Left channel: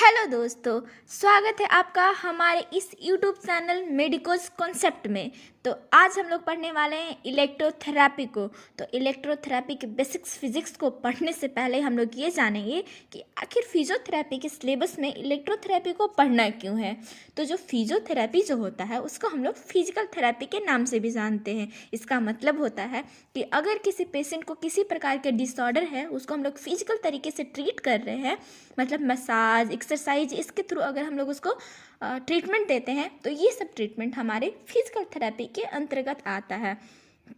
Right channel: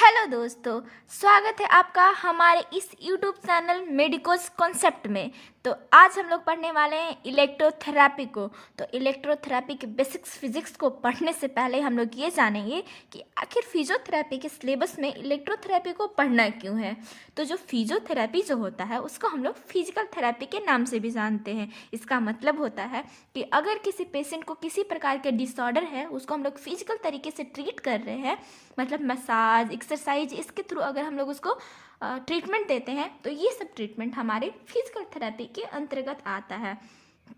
Hello दोस्तों, स्वागत है आपका हमारे इस यूट्यूब चैनल मेडिकोस कॉन्सेप्ट में। तो आज हम लोग पढ़ने वाले हैं इलेक्ट्रोथेरेपी को। तो इलेक्ट्रोथेरेपी के बेसिक्स फिजिक्स को पढ़ने से पहले हम लोग ये जानेंगे कि आखिर फिजियोथेरेपी के सिलेबस में इलेक्ट्रोथेरेपी को पढ़ना क्यों है। तो जो फिजियोथेरेपी जो होता है उसको हम लोग फिजिकल थेरेपी के नाम से भी जानते हैं। इसका मतलब होता है कि अगर किसी पेशेंट को किसी प्रकार के डिसऑर्डर है उसको हम लोग फिजिकल तरीके से ट्रीट कर रहे हैं, मतलब मसाज, एक्सरसाइज, इसके थ्रू अगर हम लोग उसको ट्रीटमेंट देते हैं तो ये सब ट्रीटमेंट हमारे फिजिकल थेरेपी के अंतर्गत आता है।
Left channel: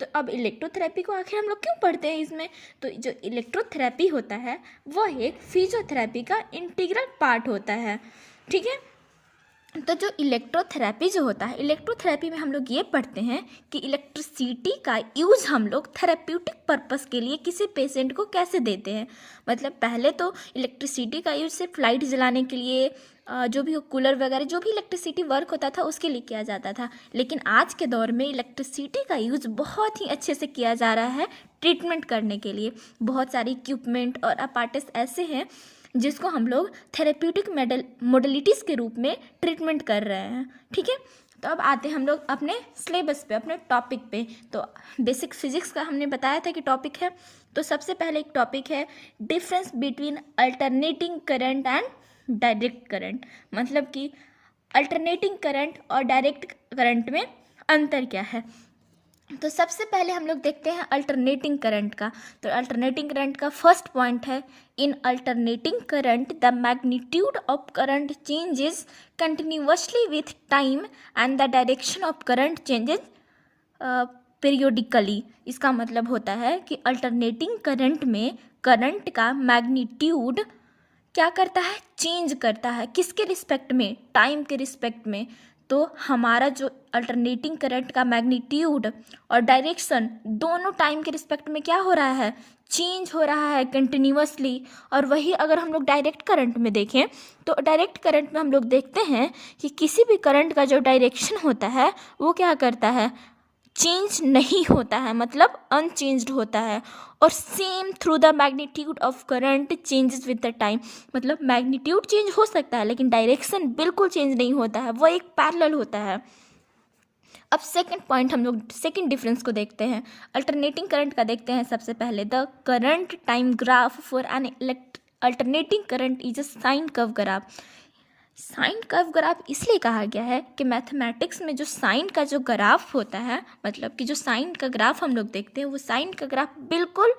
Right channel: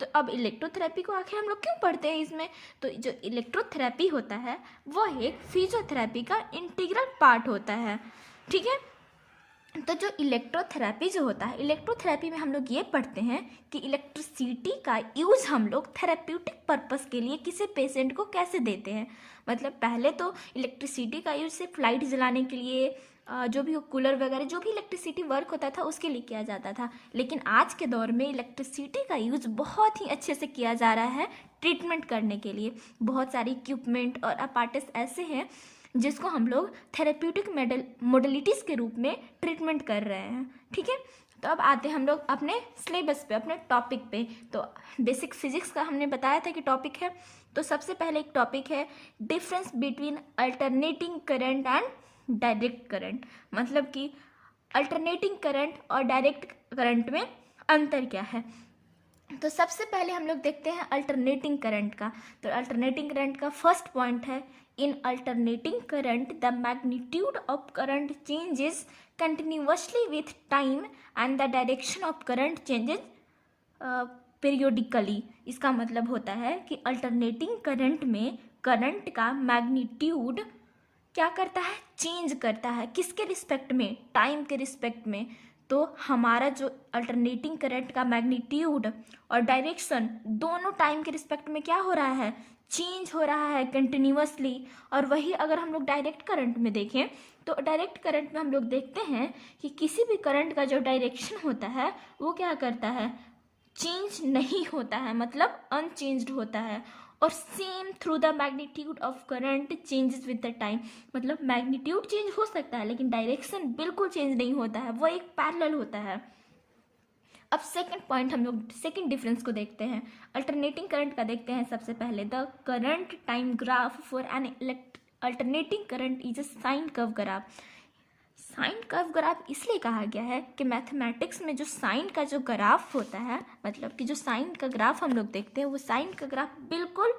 तो अब इलेक्ट्रोथेरेपी को आखिर हम लोग क्यों पढ़ते हैं इसमें? तो जो इलेक्ट्रोथेरेपी होता है वो एक फिजियोथेरेपी का इंटीग्रल पार्ट होता है, ठीक है। तो जो इलेक्ट्रोथेरेपी जो होता है, इलेक्ट्रोथेरेपी में हम लोग ये पढ़ते हैं कि इलेक्ट्रिसिटी का यूज़ हम लोग थेरेप्यूटिक पर्पस के लिए किसी पेशेंट को कैसे देते हैं। मतलब पहले तो इलेक्ट्रिसिटी का यूज़ सिर्फ लाइट जलाने के लिए, जो भी कूलर वगैरह जो भी इलेक्ट्रिसिटी वर्क होता था उसके लिए किया जाता था, लेकिन आज के दौर में इलेक्ट्रिसिटी का यूज़ बहुत ही अच्छे से किया जा रहा है ट्रीटमेंट करने के लिए। बहुत सारे इक्विपमेंट और अपार्टस ऐसे हैं जिसको हम लोग थेरेप्यूटिक मोडलिटीज़ के रूप में ट्रीटमेंट कर रहे हैं, ठीक है। तो अब आते हैं हम लोग अपने सिलेबस पे, अपने टॉपिक पे। तो बेसिक फिजिक्स का हमने बताया था कि टॉपिक है। तो सबसे पहले एक टॉपिक है difference between alternating current and direct current. मतलब कि अल्टरनेटिंग करंट और डायरेक्ट करंट में अंतर क्या है। तो सबसे पहले हम लोग देखते हैं अल्टरनेटिंग करंट का। तो अल्टरनेटिंग करंट का फर्स्ट पॉइंट है, in alternating current the magnitude of current changes continuously with time and the direction of current changes periodically. इसका मतलब होता है कि अल्टरनेटिंग करंट में करंट का मैग्नीट्यूड क्या करता है, चेंज करता है। किसके रिस्पेक्ट में? टाइम के रिस्पेक्ट में। तो हमारा जो अल्टरनेटिंग करंट का मैग्नीट्यूड और डायरेक्शन दोनों टाइम के रिस्पेक्ट में क्या हो रहा है, चेंज हो रहा है कंटिन्यूअसली। और वही अगर हम लोग डायरेक्ट करंट में देखें तो डायरेक्ट करंट में हम लोग देखते हैं कि किसी भी करंट का जो डायरेक्शन होता है वो क्या करता है, चेंज नहीं होता है, मतलब अनचेंज्ड होता है। और same through the magnitude of current changes with the time. मतलब मैग्नीट्यूड चेंज हो सकता है लेकिन डायरेक्शन बिल्कुल चेंज नहीं होता है, वो एक पैरेलल होता है। अब सेकंड पॉइंट हम लोग सेकंड डिफरेंस को देखते हैं, अल्टरनेटिंग करंट का देखते हैं। सबसे पहले the current time graph for an alternating current is a sine curve graph. Sine curve graph इसलिए कहा गया है कि मैथमेटिक्स में जो साइन का जो ग्राफ होता है, मतलब कि जो साइन का ग्राफ हम लोग देखते हैं वो साइन का ग्राफ बिल्कुल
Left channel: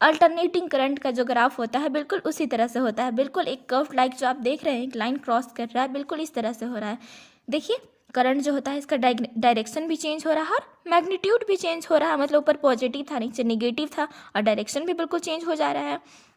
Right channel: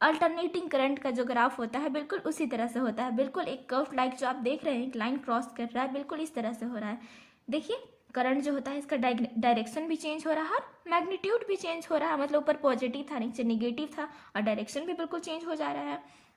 अल्टरनेटिंग करंट का जो ग्राफ होता है बिल्कुल उसी तरह से होता है। बिल्कुल एक कर्व लाइक जो आप देख रहे हैं, एक लाइन क्रॉस कर रहा है, बिल्कुल इस तरह से हो रहा है। देखिए करंट जो होता है इसका डायरेक्शन भी चेंज हो रहा है और मैग्नीट्यूड भी चेंज हो रहा है। मतलब ऊपर पॉजिटिव था, नीचे निगेटिव था, और डायरेक्शन भी बिल्कुल चेंज हो जा रहा है।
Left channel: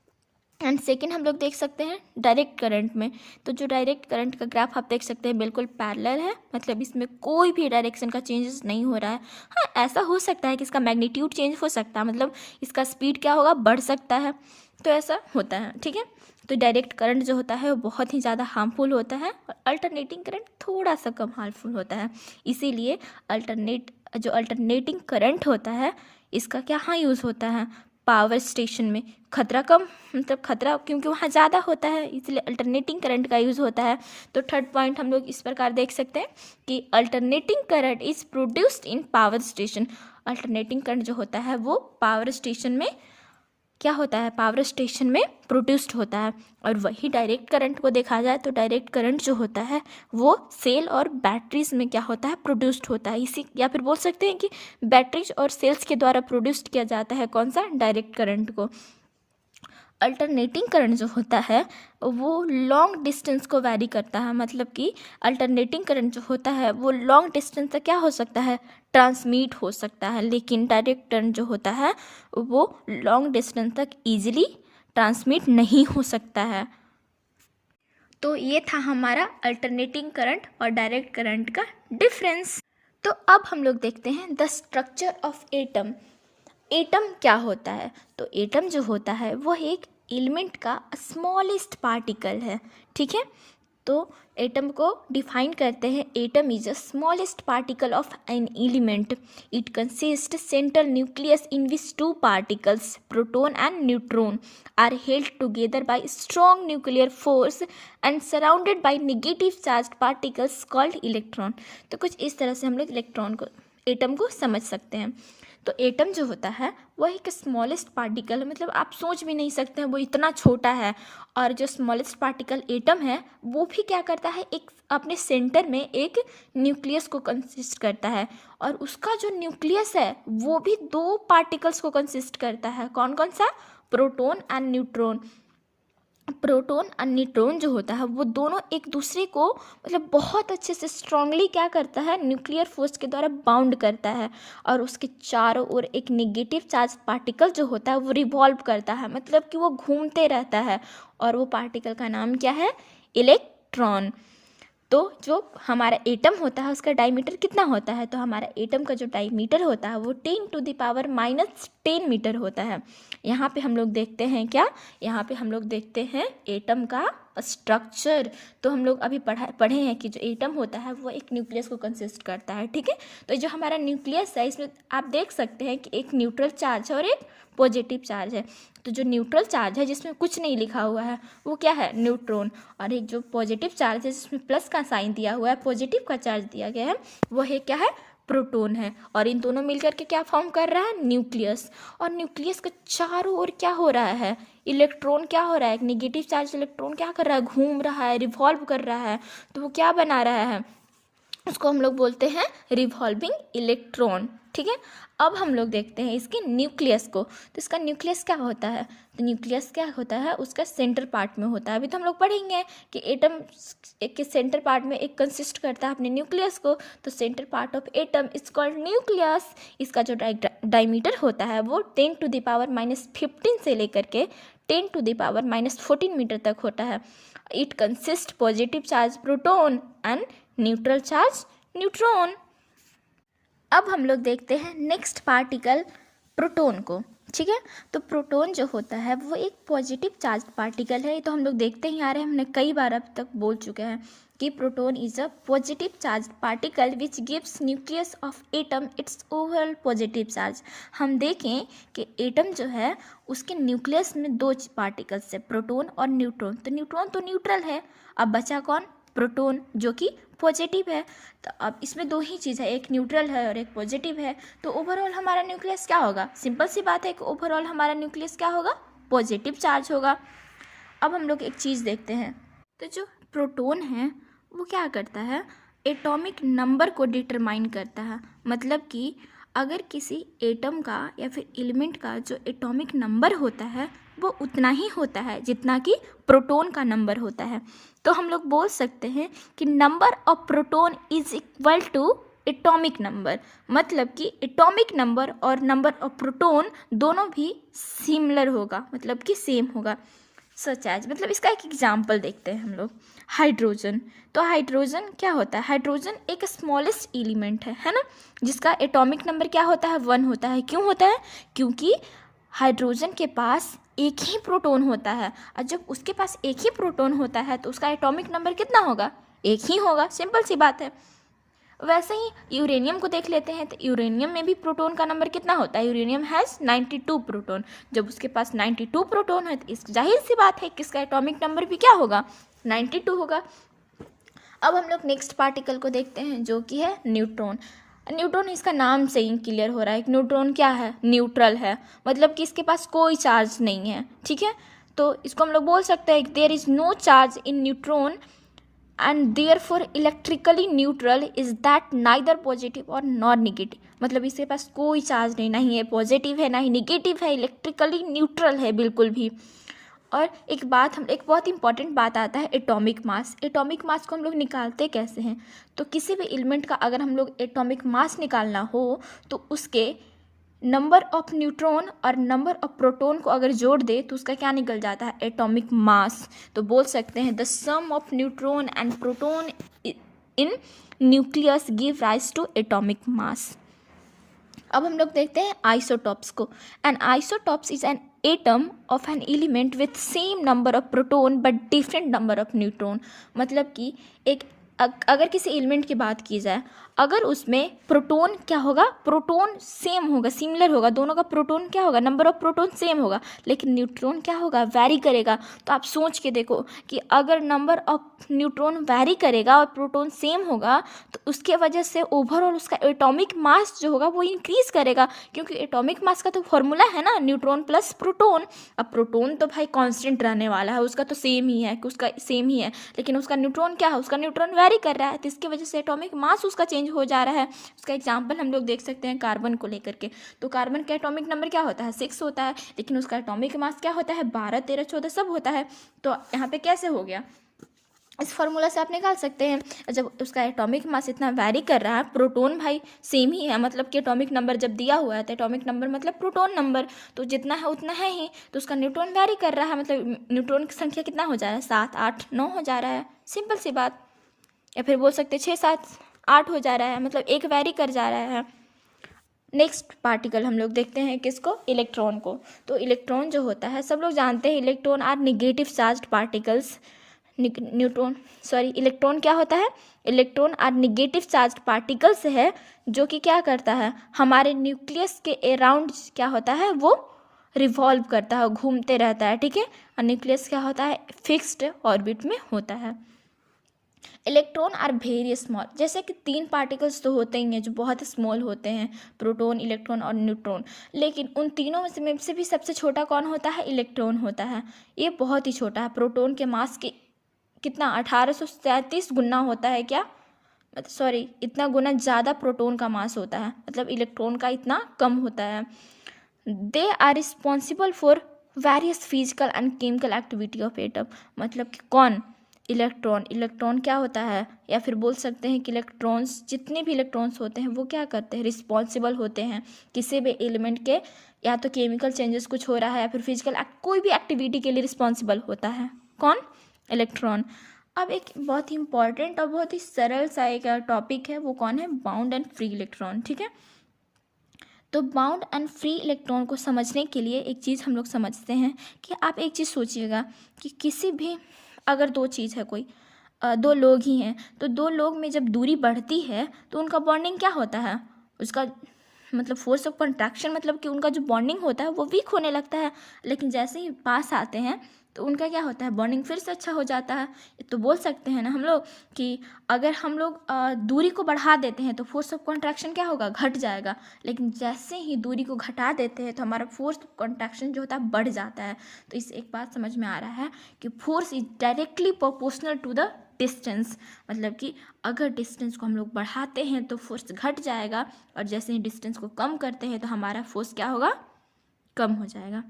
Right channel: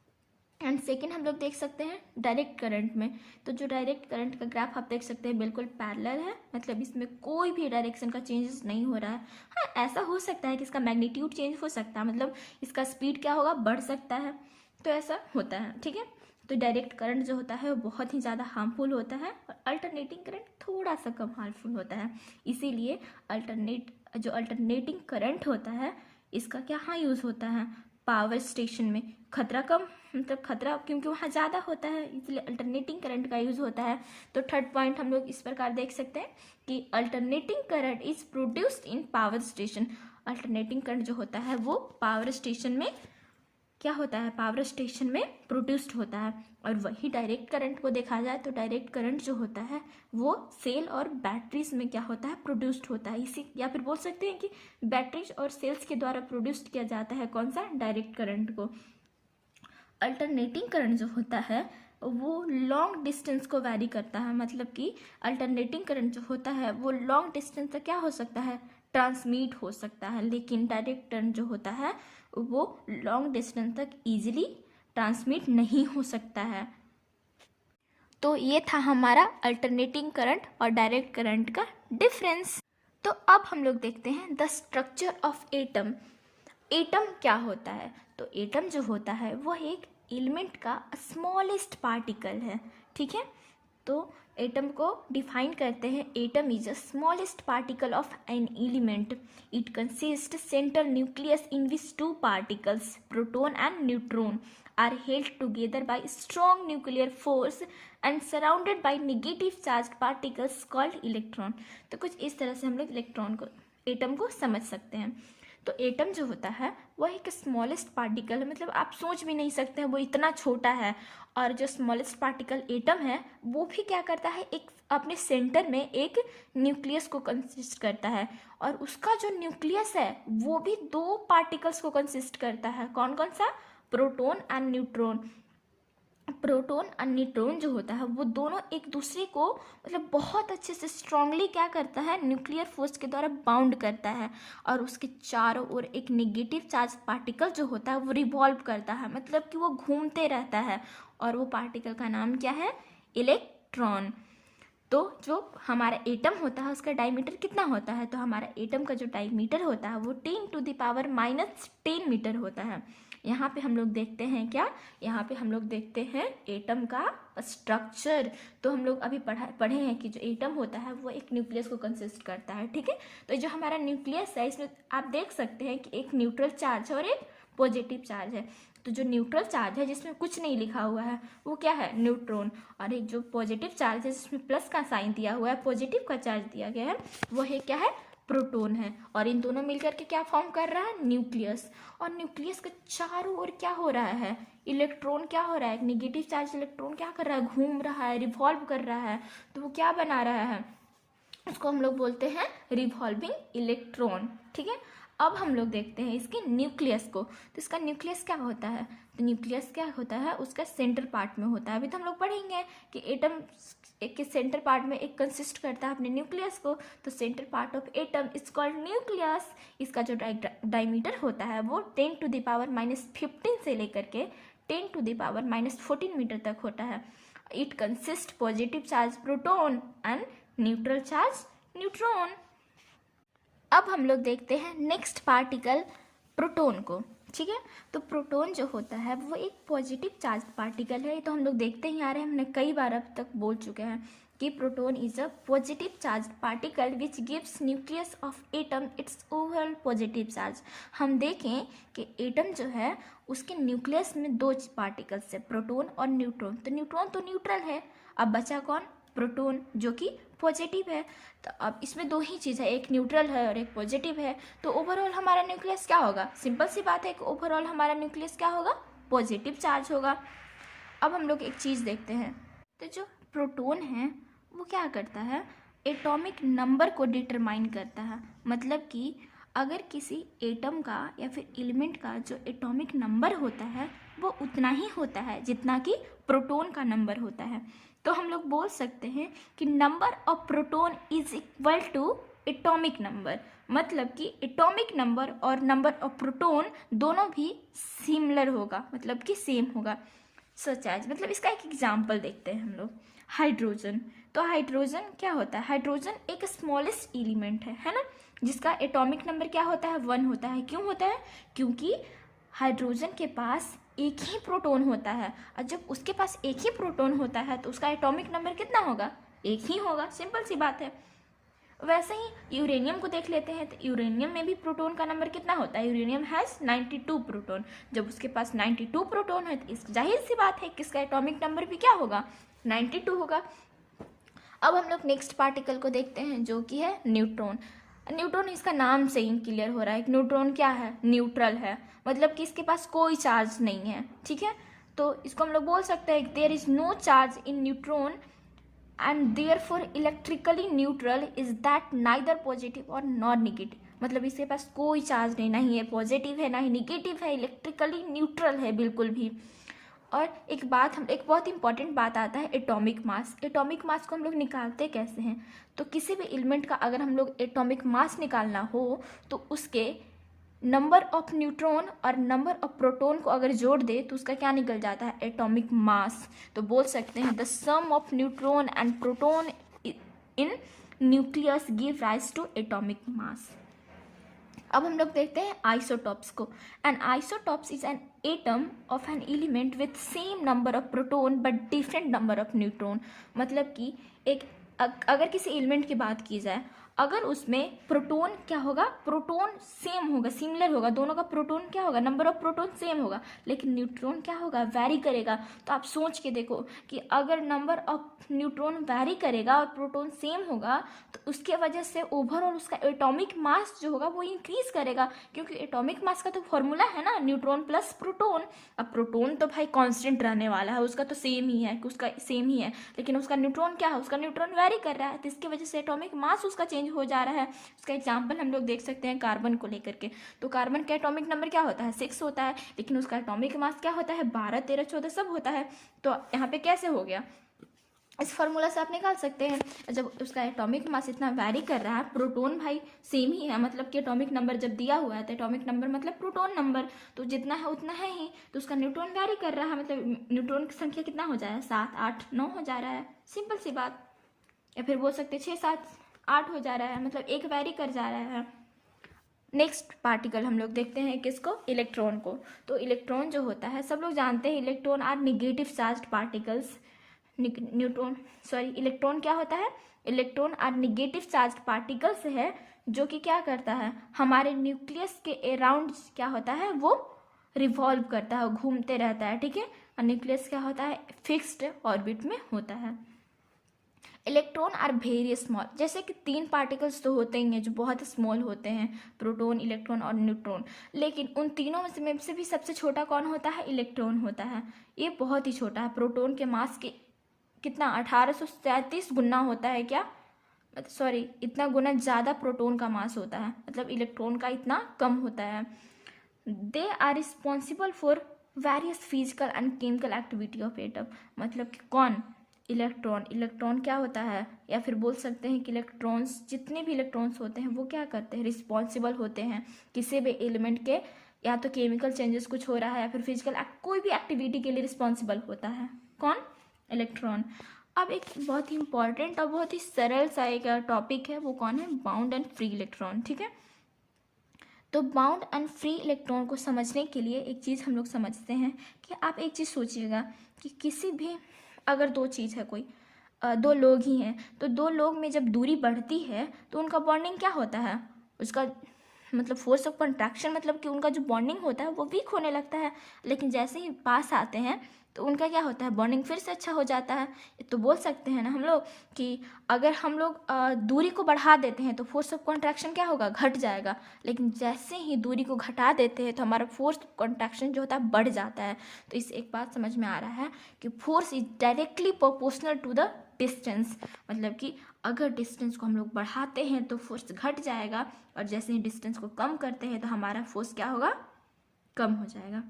एंड सेकेंड हम लोग देख सकते हैं डायरेक्ट करंट में। तो जो डायरेक्ट करंट का ग्राफ आप देख सकते हैं बिल्कुल पैरेलल है, मतलब इसमें कोई भी डायरेक्शन का चेंजेस नहीं हो रहा है। हाँ, ऐसा हो सकता है कि इसका मैग्नीट्यूड चेंज हो सकता है, मतलब इसका स्पीड क्या होगा, बढ़ सकता है। तो ऐसा होता है, ठीक है। तो डायरेक्ट करंट जो होता है वो बहुत ही ज़्यादा हार्मफुल होता है और अल्टरनेटिंग करंट थोड़ा सा कम हार्मफुल होता है। इसीलिए अल्टरनेटिंग करंट होता है इसका क्या हाँ यूज़ होता है, पावर स्टेशन में खतरा कम, मतलब खतरा क्योंकि वहाँ ज़्यादा होता है इसलिए अल्टरनेटिंग करंट का यूज़ होता है। तो थर्ड पॉइंट हम लोग इस प्रकार देख सकते हैं कि alternating current is produced in power station. Alternating current जो होता है वो पावर स्टेशन में क्या होता है, पावर स्टेशन में प्रोड्यूस्ड होता है। और वही डायरेक्ट करंट को देखा जाए तो डायरेक्ट करंट जो होता है वो सेल और बैटरीज में क्या होता है, प्रोड्यूस्ड होता है। इसी या फिर बोल सकते हैं कि बैटरीज और सेल्स के द्वारा प्रोड्यूस्ड किया जाता है कौन सा, डायरेक्ट करंट को। अल्टरनेटिंग करंट जो होता है वो लॉन्ग डिस्टेंस को वैरी करता है। मतलब कि अल्टरनेटिंग करंट जो होता है वो लॉन्ग डिस्टेंस तक क्या हो सकता है, ट्रांसमिट हो सकता है। लेकिन डायरेक्ट करंट जो होता है वो लॉन्ग डिस्टेंस तक ईजिली ट्रांसमिट नहीं हो सकता है। तो ये था हमारा अल्टरनेटिंग करंट और डायरेक्ट करंट का डिफरेंस। तो अब हम लोग देखते हैं the structure of atom. Atom क्या होता है? तो एटम जो होता है वो एक एलिमेंट का स्मॉलेस्ट पार्टिकल है, ठीक है। तो एटम को डिफाइन करते हैं, atom is the smallest particle of an element, it consist central nucleus in which two particles proton and neutron are held together by strong nuclear force and surrounded by negative charge particles called electron. तो कुछ इस तरह से हम लोग electron को, atom को समझ सकते हैं। तो एटम जो होता है वह एक स्मॉलेस्ट पार्टिकल है, मतलब आप सोच भी नहीं सकते हैं वो इतना छोटा है। और जो स्मॉलेस्ट पार्टिकल एटम है वो भी क्या करता है, एक अपने सेंटर में एक न्यूक्लियस को कंसिस्ट करता है, और उसका जो न्यूक्लियस है वो भी दो पार्टिकल्स को कंसिस्ट करता है। कौन कौन सा? Proton and neutron. प्रोटॉन और न्यूट्रॉन जो होता है वो दोनों एक दूसरे को मतलब बहुत अच्छे से स्ट्रांगली क्या करता है, न्यूक्लियर फोर्स के द्वारा बाउंड करता है, और उसके चारों ओर एक नेगेटिव चार्ज पार्टिकल जो होता है वो रिवॉल्व करता है, मतलब कि वो घूमते रहता है, और वो पार्टिकल का नाम क्या है? इलेक्ट्रॉन। तो जो हमारा एटम होता है उसका डायमीटर कितना होता है? तो हमारा एटम का जो डायमीटर होता है वो 10⁻⁻10 मीटर होता है। यहाँ पे हम लोग देखते हैं क्या, यहाँ पे हम लोग देखते हैं एटम का स्ट्रक्चर। तो हम लोग अभी पढ़े हैं कि जो एटम होता है वो एक न्यूक्लियस को कंसिस्ट करता है, ठीक है। तो जो हमारा न्यूक्लियस है इसमें आप देख सकते हैं कि एक न्यूट्रल चार्ज है और एक पॉजिटिव चार्ज है। तो जो न्यूट्रल चार्ज है जिसमें कुछ नहीं लिखा हुआ है वो क्या है? न्यूट्रॉन। और एक जो पॉजिटिव चार्ज है जिसमें प्लस का साइन दिया हुआ है, पॉजिटिव का चार्ज दिया गया है, वो है क्या है? प्रोटॉन है। और इन दोनों मिलकर के क्या फॉर्म कर रहा है? न्यूक्लियस। और न्यूक्लियस के चारों ओर क्या हो रहा है? इलेक्ट्रॉन क्या हो रहा है? एक नेगेटिव चार्ज इलेक्ट्रॉन क्या कर रहा है? घूम रहा है, रिवॉल्व कर रहा है। तो वो क्या बना रहा है? उसको हम लोग बोलते हैं रिवॉल्विंग इलेक्ट्रॉन, ठीक है। अब हम लोग देखते हैं इसके न्यूक्लियस को। तो इसका न्यूक्लियस क्या होता है? तो न्यूक्लियस क्या होता है? उसका सेंटर पार्ट में होता है। अभी तो हम लोग पढ़ेंगे कि एटम के सेंटर पार्ट में एक कंसिस्ट करता है अपने न्यूक्लियस को। तो centre part of atom is called nucleus. इसका जो डायमीटर होता है वो 10⁻⁻15 से लेकर के 10⁻⁻14 मीटर तक होता है। It consist positive charge proton and neutral charge neutron. अब हम लोग देखते हैं नेक्स्ट पार्टिकल प्रोटॉन को, ठीक है। तो प्रोटॉन जो होता है वो एक पॉजिटिव चार्ज पार्टिकल है। ये तो हम लोग देखते ही आ रहे हैं, हमने कई बार अब तक बोल चुके हैं कि proton is a positive charge particle which gives nucleus of atom it's overall positive charge. हम देखें कि एटम जो है उसके न्यूक्लियस में दो पार्टिकल्स है, प्रोटॉन और न्यूट्रॉन। तो न्यूट्रॉन तो न्यूट्रल है, अब बचा कौन? प्रोटॉन, जो कि पॉजिटिव है। तो अब इसमें दो ही चीज़ है, एक न्यूट्रल है और एक पॉजिटिव है। तो ओवरऑल हमारा न्यूक्लियस क्या होगा? सिंपल सी बात है कि ओवरऑल हमारा न्यूक्लियस क्या होगा? पॉजिटिव चार्ज होगा। अब हम लोग एक चीज़ देखते हैं, तो जो प्रोटॉन है वो क्या करता है? एटॉमिक नंबर को डिटरमाइन करता है। मतलब कि अगर किसी एटम का या फिर एलिमेंट का जो एटॉमिक नंबर होता है वो उतना ही होता है जितना कि प्रोटॉन का नंबर होता है। तो हम लोग बोल सकते हैं कि number of proton is equal to atomic number. मतलब कि एटॉमिक नंबर और नंबर ऑफ प्रोटॉन दोनों भी सिमिलर होगा, मतलब कि सेम होगा। सच एज, मतलब इसका एक एग्जाम्पल देखते हैं हम लोग। हाइड्रोजन। तो हाइड्रोजन क्या होता है? हाइड्रोजन एक स्मॉलेस्ट एलिमेंट है ना, जिसका एटॉमिक नंबर क्या होता है? 1 होता है। क्यों होता है? क्योंकि हाइड्रोजन के पास एक ही प्रोटॉन होता है, और जब उसके पास एक ही प्रोटॉन होता है तो उसका एटॉमिक नंबर कितना होगा? एक ही होगा, सिंपल सी बात है। वैसे ही यूरेनियम को देख लेते हैं, तो यूरेनियम में भी प्रोटॉन का नंबर कितना होता है? Uranium has 92 proton. जब उसके पास 92 प्रोटॉन है तो इस जाहिर सी बात है कि इसका एटॉमिक नंबर भी क्या होगा? 92 होगा। अब हम लोग नेक्स्ट पार्टिकल को देखते हैं जो कि है न्यूट्रॉन। न्यूट्रॉन, इसका नाम से ही क्लियर हो रहा है कि न्यूट्रॉन क्या है? न्यूट्रल है, मतलब कि इसके पास कोई चार्ज नहीं है, ठीक है। तो इसको हम लोग बोल सकते हैं कि there is no charge in neutron and therefore electrically neutral is that neither positive और नॉट नेगेटिव। मतलब इसके पास कोई चार्ज नहीं, ना ही पॉजिटिव है ना ही नेगेटिव है, इलेक्ट्रिकली न्यूट्रल है बिल्कुल भी। और एक बहुत इंपॉर्टेंट बात आता है एटॉमिक मास। एटॉमिक मास को हम लोग निकालते कैसे हैं? तो किसी भी एलिमेंट का अगर हम लोग एटॉमिक मास निकालना हो तो उसके नंबर ऑफ न्यूट्रॉन और नंबर ऑफ प्रोटॉन को अगर जोड़ दे तो उसका क्या निकल जाता है? Atomic mass. तो बोल सकते हैं the sum of neutron and proton in nucleus give rise to atomic mass. अब हम लोग देखते हैं आइसोटॉप्स को। An isotopes is an atom of an element with same number of proton but different number of neutron. मतलब कि अगर किसी एलिमेंट की बात की जाए, अगर उसमें प्रोटोन क्या होगा, प्रोटोन सेम होगा, सिमिलर होगा, दोनों का प्रोटोन क्या होगा, नंबर ऑफ प्रोटोन सेम होगा, लेकिन न्यूट्रॉन क्या होगा, वैरी करेगा। तो आप सोच के देखो कि अगर नंबर ऑफ न्यूट्रॉन वैरी करेगा और प्रोटोन सेम होगा तो उसके वजह से ओवरऑल उसका एटॉमिक मास जो होगा वो इंक्रीज करेगा, क्योंकि एटॉमिक मास का तो फॉर्मूला है ना न्यूट्रॉन प्लस प्रोटोन। अब प्रोटोन तो भाई कांस्टेंट रहने वाला है, उसका तो सेम ही है, उसका सेम ही है, लेकिन उसका न्यूट्रॉन क्या है, उसका न्यूट्रॉन वैरी कर रहा है, तो इसकी वजह से एटॉमिक मास उसका चेंज हो जा रहा है। उसका एग्जांपल हम लोग देख सकते हैं कार्बन को लेकर के। तो कार्बन का एटॉमिक नंबर क्या होता है, 6 होता है, लेकिन उसका एटॉमिक मास क्या होता है, 12, 13, 14 सब होता है। तो यहाँ पे कैसे हो गया, इस फॉर्मूला से आप निकाल सकते हैं। जब उसका एटॉमिक मास इतना वैरी कर रहा है, प्रोटोन भाई सेम ही है, मतलब कि एटॉमिक नंबर जब दिया हुआ है तो एटॉमिक नंबर मतलब प्रोटोन नंबर, तो जितना है उतना है ही, तो उसका न्यूट्रॉन वैरी कर रहा है, मतलब न्यूट्रॉन की संख्या कितना हो जा रहा है, 7, 8, 9 हो जा रहा है, सिंपल सी बात। या फिर बोल सकते 6, 7, 8 हो जा रहा है, मतलब एक वैरी कर जा रहा है। नेक्स्ट पार्टिकल हम लोग देखते हैं किसको, इलेक्ट्रॉन को। तो इलेक्ट्रॉन जो होता है, सब लोग जानते हैं electron are negative charged particles. Electron क्या होता है, electron are negative charged particles है, जो कि क्या करता है, हमारे न्यूक्लियस के अराउंड क्या होता है, वो रिवॉल्व करता है, घूमते रहता है, ठीक है। और न्यूक्लियस क्या होता है, फिक्स्ड ऑर्बिट में होता है। इलेक्ट्रॉन आर वेरी स्मॉल, जैसे कि 3 पार्टिकल्स तो होते ही हैं जो बहुत स्मॉल होते हैं, प्रोटॉन, इलेक्ट्रॉन और न्यूट्रॉन, लेकिन उन तीनों में से भी सबसे छोटा कौन होता है, इलेक्ट्रॉन होता है। ये बहुत ही छोटा है, प्रोटॉन के मास के कितना 1833 गुना होता है, क्या सॉरी इतना गुना ज़्यादा प्रोटॉन का मास होता है, मतलब इलेक्ट्रॉन का इतना कम होता है। They are responsible for various physical and chemical activity of atom, मतलब कि कौन, इलेक्ट्रॉन क्या होता है, या फिर बोल सकते हैं कि इलेक्ट्रॉन्स, जितने भी इलेक्ट्रॉन्स होते हैं वो क्या करते हैं, रिस्पॉन्सिबल होते हैं किसी भी एलिमेंट के, या तो केमिकल चेंजेस कुछ हो रहा है या फिर फिजिकल कोई भी एक्टिविटी के लिए रिस्पॉन्सिबल होता है, कौन, इलेक्ट्रॉन। अब एक बहुत ही इंपॉर्टेंट और बहुत ही सरल सा एक टॉपिक है, वो कौन है, बाउंड एंड फ्री इलेक्ट्रॉन, ठीक है। तो बाउंड एंड फ्री इलेक्ट्रॉन को समझने के लिए एक चीज़ हम लोग समझते हैं कि आप एक चीज़ सोचिएगा कि किसी भी, अगर 2 चीज़ है, कोई 2 लोग ही हैं, तो 2 लोग में जब दूरी बढ़ती है तो उनका बॉन्डिंग क्या होता है, उसका मतलब फोर्स ऑफ कंट्रैक्शन, मतलब कि उनका जो बॉन्डिंग होता है वो वीक होने लगता है, लेकिन जैसे ही पास आते हैं तो उनका क्या होता है, बॉन्डिंग फिर से अच्छा हो जाता है। तो बोल सकते हैं ना हम लोग कि अगर हम लोग दूरी को बढ़ा देते हैं तो फोर्स ऑफ कंट्रैक्शन क्या होगा, घट जाएगा, लेकिन जैसे ही दूरी को घटा देते हैं तो हमारा फोर्स ऑफ कंट्रैक्शन जो होता है बढ़ जाता है। तो इससे एक बात समझ में आ रहा है कि force is directly proportional to the distance, मतलब कि अगर डिस्टेंस को हम लोग बढ़ाते हैं तो फोर्स घट जाएगा, और जैसे ही डिस्टेंस को कम करते हैं तो हमारा फोर्स क्या होगा, कम हो जाएगा।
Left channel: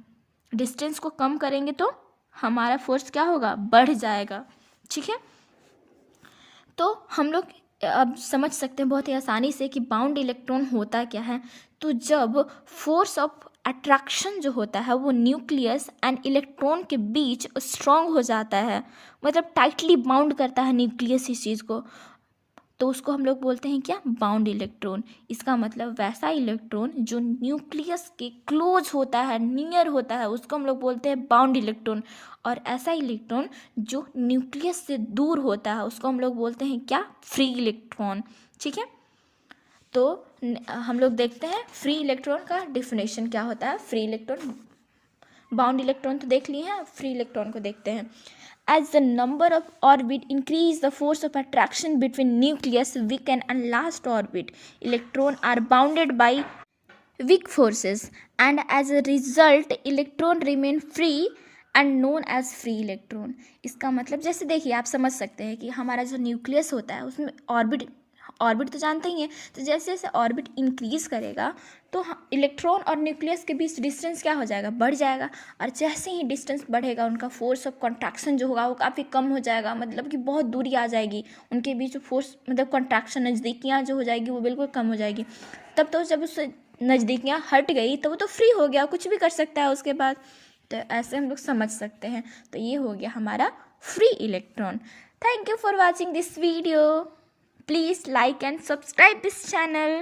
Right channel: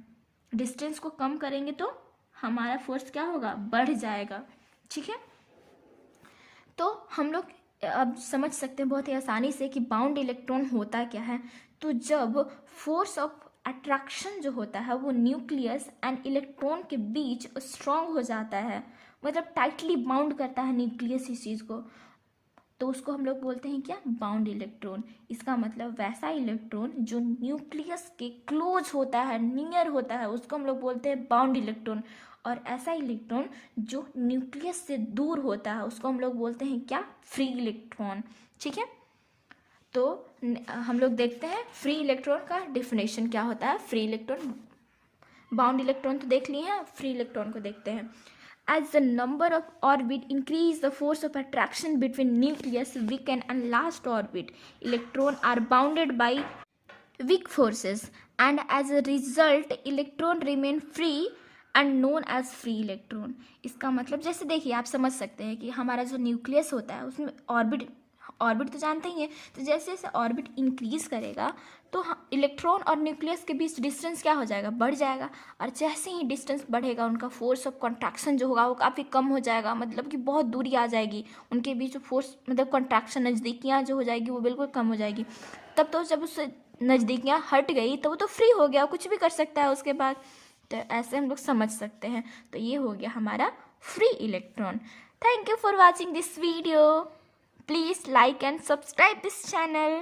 डिस्टेंस को कम करेंगे तो हमारा फोर्स क्या होगा, बढ़ जाएगा, ठीक है। तो हम लोग अब समझ सकते हैं बहुत ही आसानी से कि बाउंड इलेक्ट्रॉन होता क्या है। तो जब फोर्स ऑफ अट्रैक्शन जो होता है वो न्यूक्लियस एंड इलेक्ट्रॉन के बीच स्ट्रॉन्ग हो जाता है, मतलब टाइटली बाउंड करता है न्यूक्लियस इस चीज़ को, तो उसको हम लोग बोलते हैं क्या, बाउंड इलेक्ट्रॉन। इसका मतलब वैसा इलेक्ट्रॉन जो न्यूक्लियस के क्लोज होता है, नियर होता है, उसको हम लोग बोलते हैं बाउंड इलेक्ट्रॉन। और ऐसा इलेक्ट्रॉन जो न्यूक्लियस से दूर होता है उसको हम लोग बोलते हैं क्या, फ्री इलेक्ट्रॉन, ठीक है। तो हम लोग देखते हैं फ्री इलेक्ट्रॉन का डिफिनेशन क्या होता है। फ्री इलेक्ट्रॉन, बाउंड इलेक्ट्रॉन तो देख लिए हैं, फ्री इलेक्ट्रॉन को देखते हैं। As the number of orbit increase the force of attraction between nucleus, weaken and last orbit, electron are bounded by weak forces, and as a result electron remain free and known as free electron। इसका मतलब जैसे देखिए आप समझ सकते हैं कि हमारा जो न्यूक्लियस होता है उसमें ऑर्बिट तो जानते ही हैं, तो जैसे जैसे ऑर्बिट इंक्रीज करेगा तो इलेक्ट्रॉन और न्यूक्लियस के बीच डिस्टेंस क्या हो जाएगा, बढ़ जाएगा, और जैसे ही डिस्टेंस बढ़ेगा उनका फोर्स ऑफ कंट्रैक्शन जो होगा वो काफ़ी कम हो जाएगा, मतलब कि बहुत दूरी आ जाएगी उनके बीच, फोर्स मतलब कंट्रैक्शन, नज़दीकियाँ जो हो जाएगी वो बिल्कुल कम हो जाएगी। तब तो जब उससे नज़दीकियाँ हट गई तो वो तो फ्री हो गया, कुछ भी कर सकता है उसके बाद। तो ऐसे हम लोग समझ सकते हैं। तो ये हो गया हमारा free electron. Thank you for watching this video. Please like and subscribe this channel.